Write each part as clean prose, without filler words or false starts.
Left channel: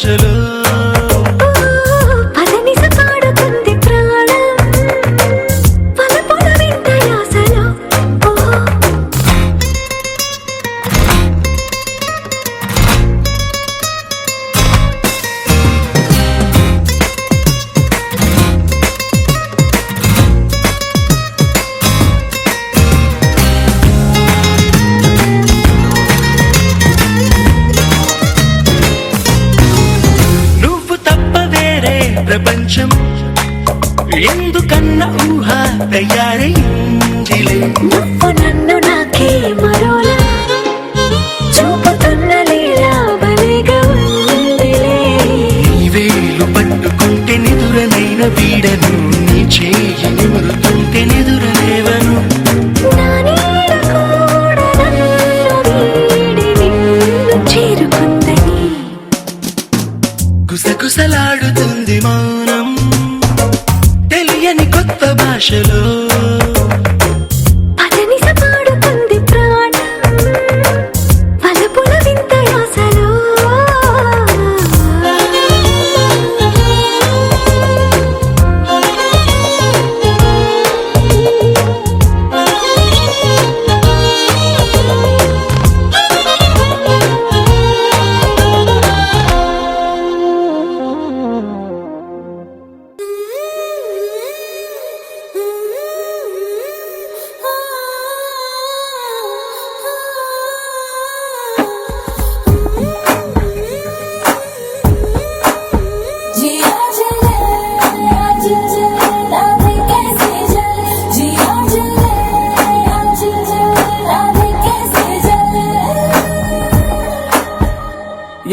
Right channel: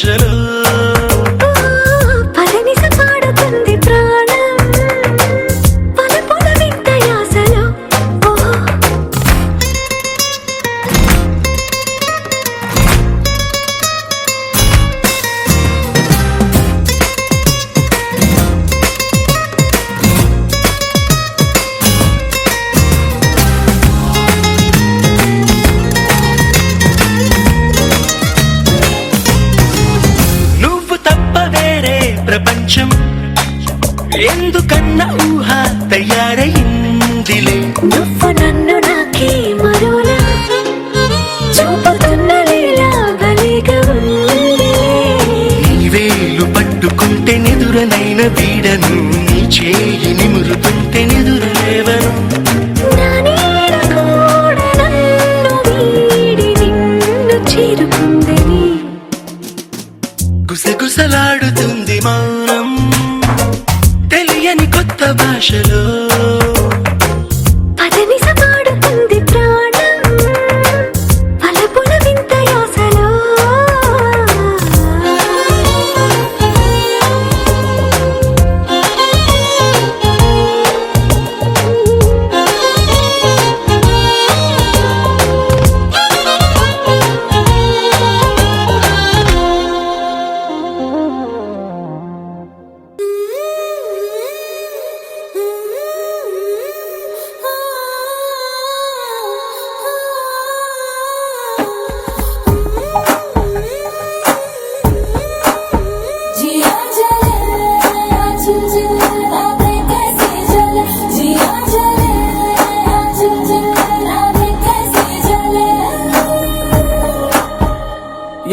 భాషలో ప్రపంచం ఎందుకన్నా ఊహ తయారైందిలే నువ్వు నన్ను నాకే మరోలా చూపుతున్న లీలా భలేగా ఉందిలే నీ వేలు పట్టుకుంటే నెదురనైన వీడను నీ చేయి నిమురుతుంటే నెదురలేవను నా నీడ కూడా నన్ను వీడి నిన్ను చేరుకుందని గుసగుసలాడుతుంది మౌనం తెలియని కొత్త భాషలో పదనిస పాడుతుంది ప్రాణం పలపుల వింత యాసలో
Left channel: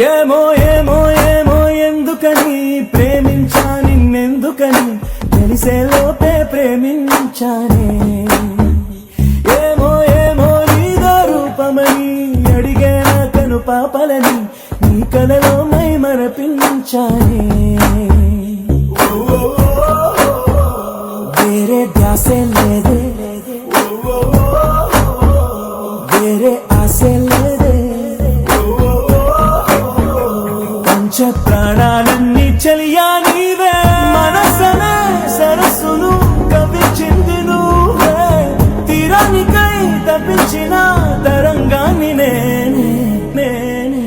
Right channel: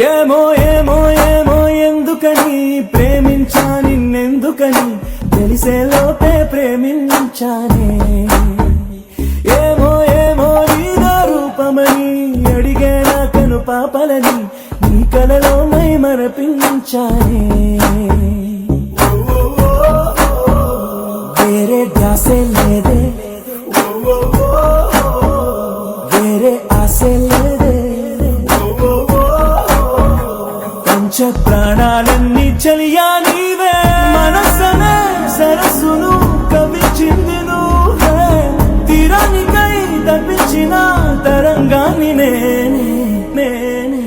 ఏమో ఏమో ఏమో ఎందుకని ప్రేమించా నిన్నెందుకని తెలిసే లోపే ప్రేమించానే ఏమో ఏమో నీదో రూపమని అడిగే నా కను పాపలని నీ కలలో మై మరపించానే వేరే ధ్యాసే లేదే వేరే ఆశే లేదే పంచ ప్రాణాలన్నీ చలియా నీవే మనసనే సరస్సును కవిచింది నువ్వే తీరానికై తప్పించిన తరంగాన్ని నేనే నేనే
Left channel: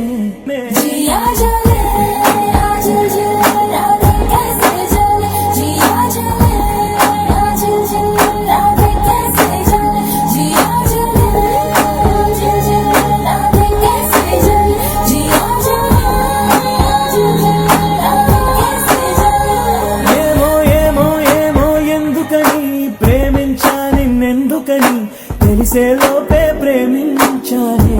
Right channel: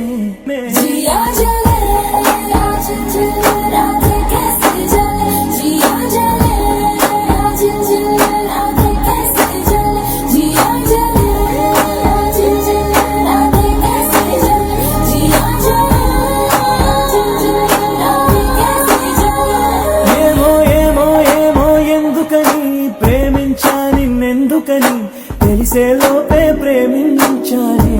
ప్రేమించా నిన్నెందుకని తెలిసే లోపే ప్రేమించానే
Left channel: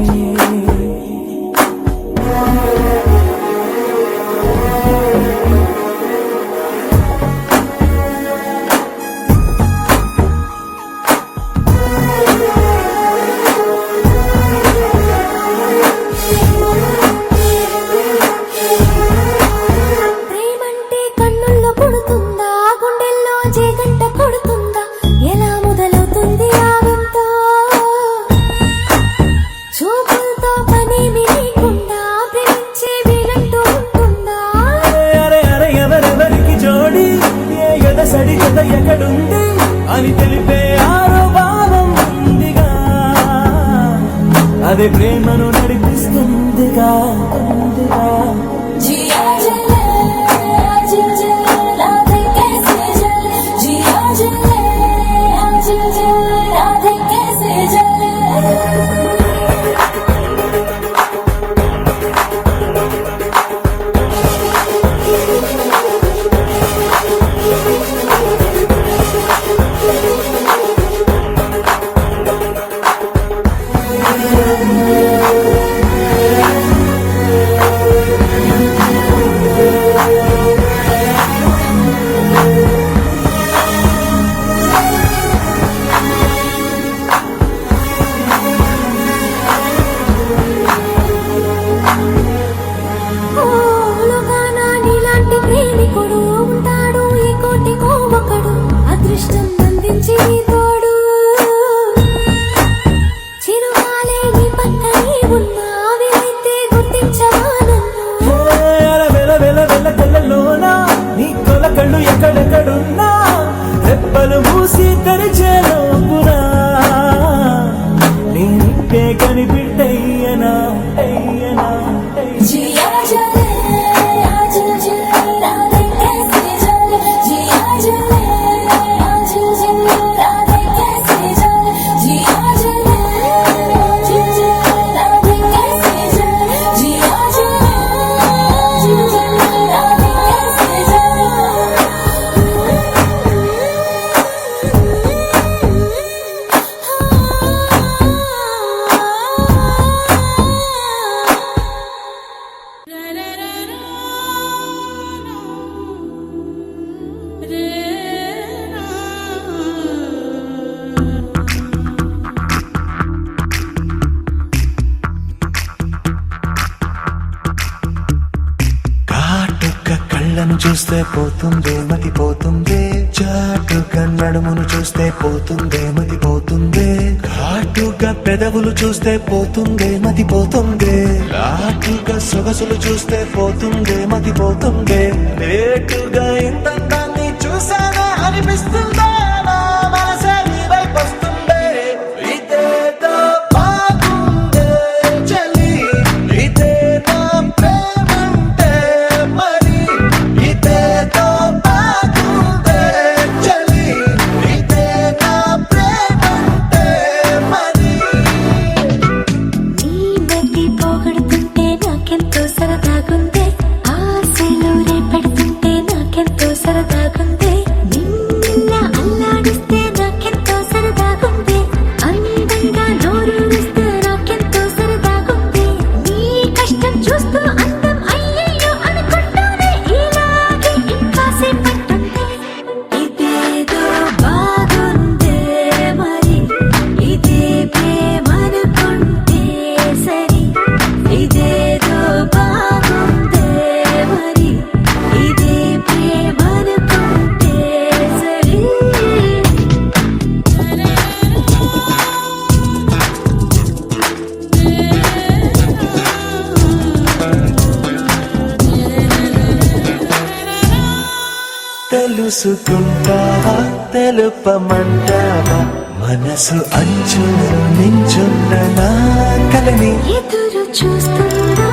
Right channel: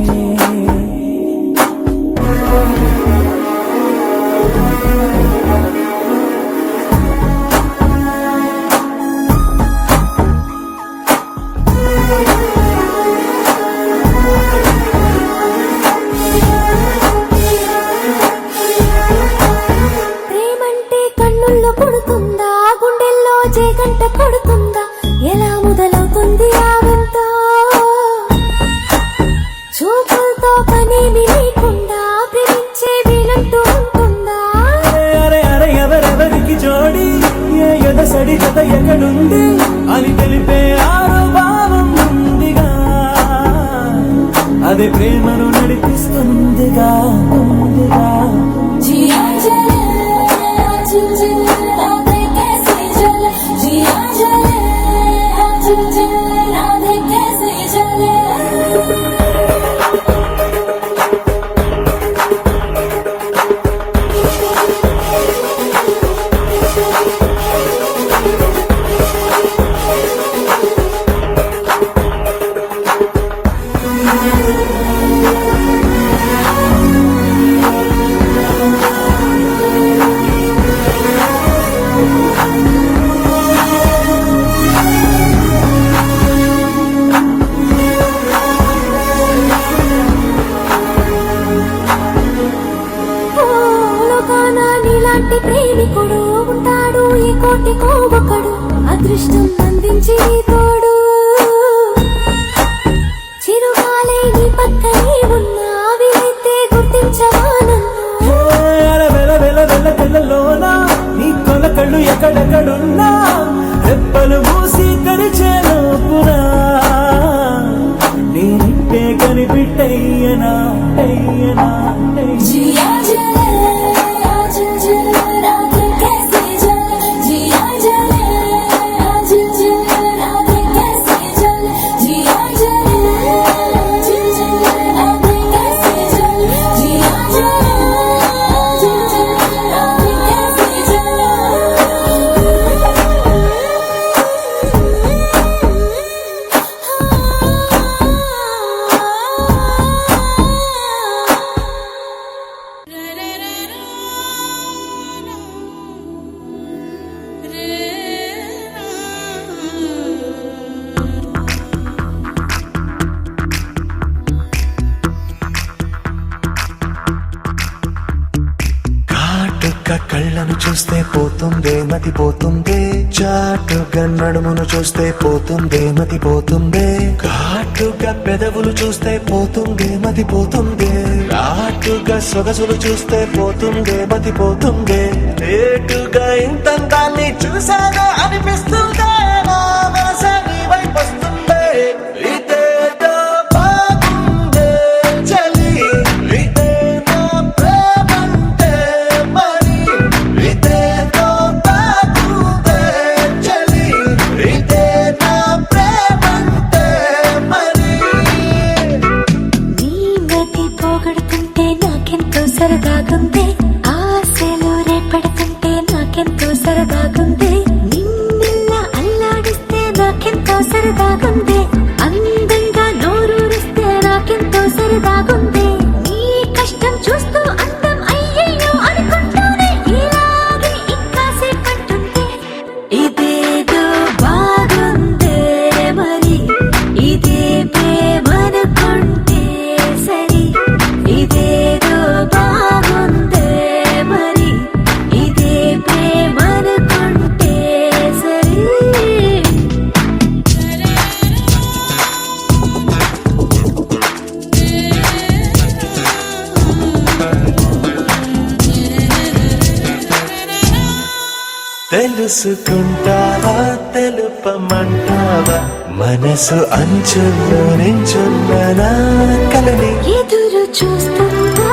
ప్రేమంటే కన్నుల్లో కొడుతుందా గుండెల్లో జేగంట కొడుతుందా ఎలా మొదలవుతుంది ఆ వింత చూపులతో పనేమి లేకుండా ప్రేమించే వీలంటూ ఉంటుందా అరే అరే ఎవరెవరికి జోడి ఏ ఎదసడి జత ఎక్కడుంది అని తెలిపే ఆరో భావం ఉందిగా అదే ప్రేమను నడిపిస్తుందిగా ఉందిగా ప్రేమికుడు ఉంటాడు ఈ కోటికో ఒకడు అదృష్టం అందించి తోడు చిరుగాలే నీ పక్కనే ఉన్నా వీలైతే గుర్తించవా నన్ను ఎయ్యనా जिया जले आज जल राधे कैसे जल जिया जले आज जल राधे कैसे जल जिया जले आज जल राधे कैसे जल जिया जले आज जल राधे कैसे కాటుక కళ్ళను చూస్తే పోతుందే మతి పోతుందే చాటుగా నడుమును చూస్తే పోతుందే మతి పోతుందే ఘాటుగా పెదవులు చూస్తే పోతుందే మతి పోతుందే ఘాటుగా సొగసులు చూస్తే పోతుందే మతి పోతుందే లేటుగా ఇంతంతాన్ని చూసానా అనిపిస్తుందా నా మనసే నీ వైపు వస్తుందే ఇదేదో బాగుందే చలి ఇదే నా ప్రేమంటే మరి ఇదేదో బాగుందే చలి ఇదే నా ప్రేమంటే మరి నీ మతి పోగొడుతుంటే నాకెంతో సరదాగుంది ఆశలు రేపెడుతుంటే నాకెంతో సరదాగుంది నిన్నెల్లా అల్లాడిస్తే నాకెంతో సరదాగుంది అందంగా నోరూరిస్తే నాకెంతో సరదాగుంది నీ కష్టం చూస్తూ అందం అయ్యయ్యో అనుకుంటూనే ఇలాగే ఇంకాసేపట్టుంది ఇదేదో బాగుందే మరి ఇదే ప్రేమనుకుంటే సరి ఇదేదో బాగుందే మరి ఇదే ప్రేమనుకుంటే సరి తెలుసుకుంటావా తెలుపమంటావా మనసు అంచుల్లో నించున్న నా కలని ఎదురు చూస్తుందా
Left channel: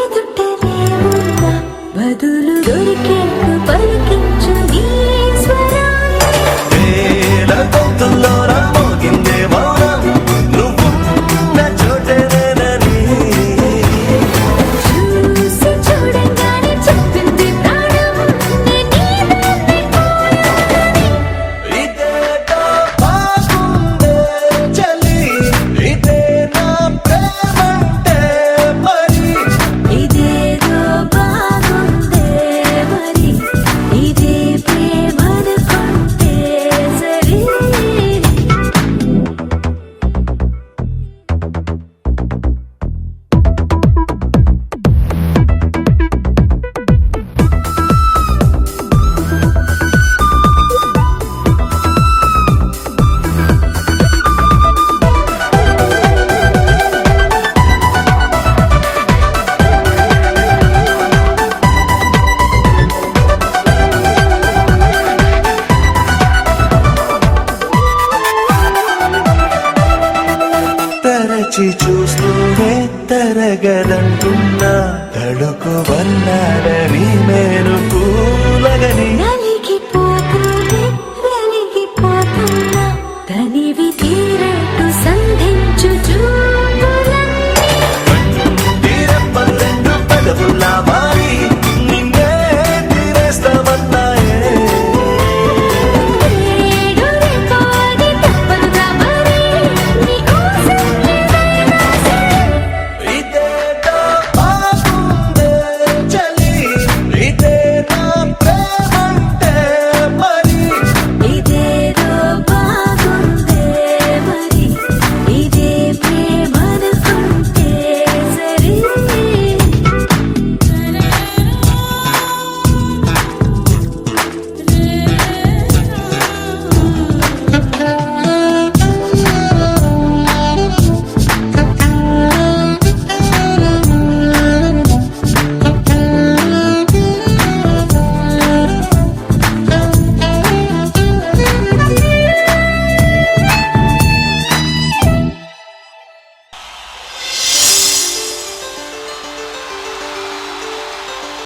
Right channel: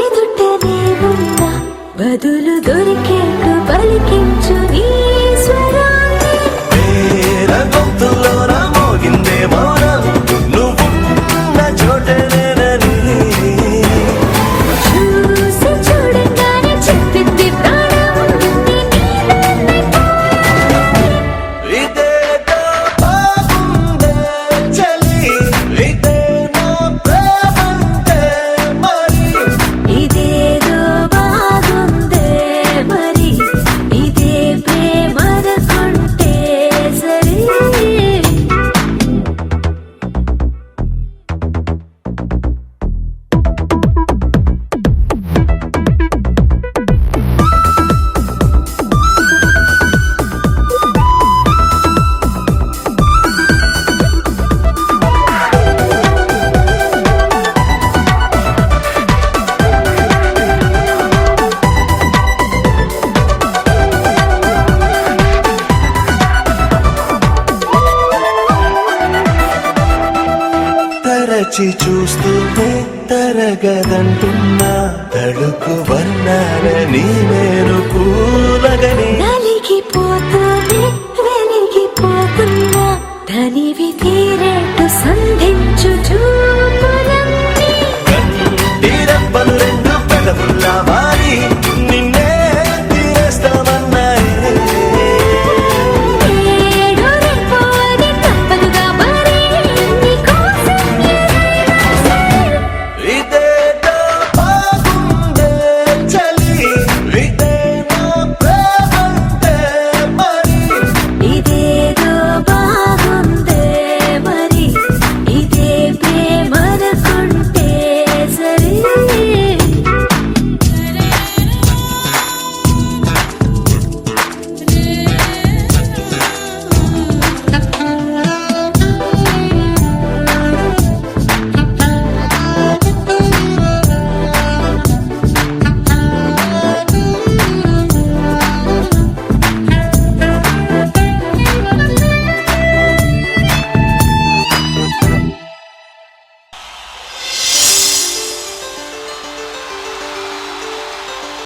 ఎదుటనే ఉందా బదులు దొరికేట్టు పలికించు నీ స్వరాన్ని వేల గొంతుల్లో మోగిందే మౌనం నువ్వున్న చోటనేనని చూసి చూడంగానే చెప్పింది ప్రాణం నీదాన్నైపోయానని ఇదేదో బాగుందే చలి ఇదే నా ప్రేమంటే మరి ఇదేదో బాగుందే మరి ఇదే ప్రేమనుకుంటే సరి తరచి చూస్తూనే తరగదంటున్నా తడుకు వర్ణాలని నేను కూలగని నలిగిపోతూనే వెలిగిపోతున్నా తనివి తీరేట్టు సంధించు చూపుల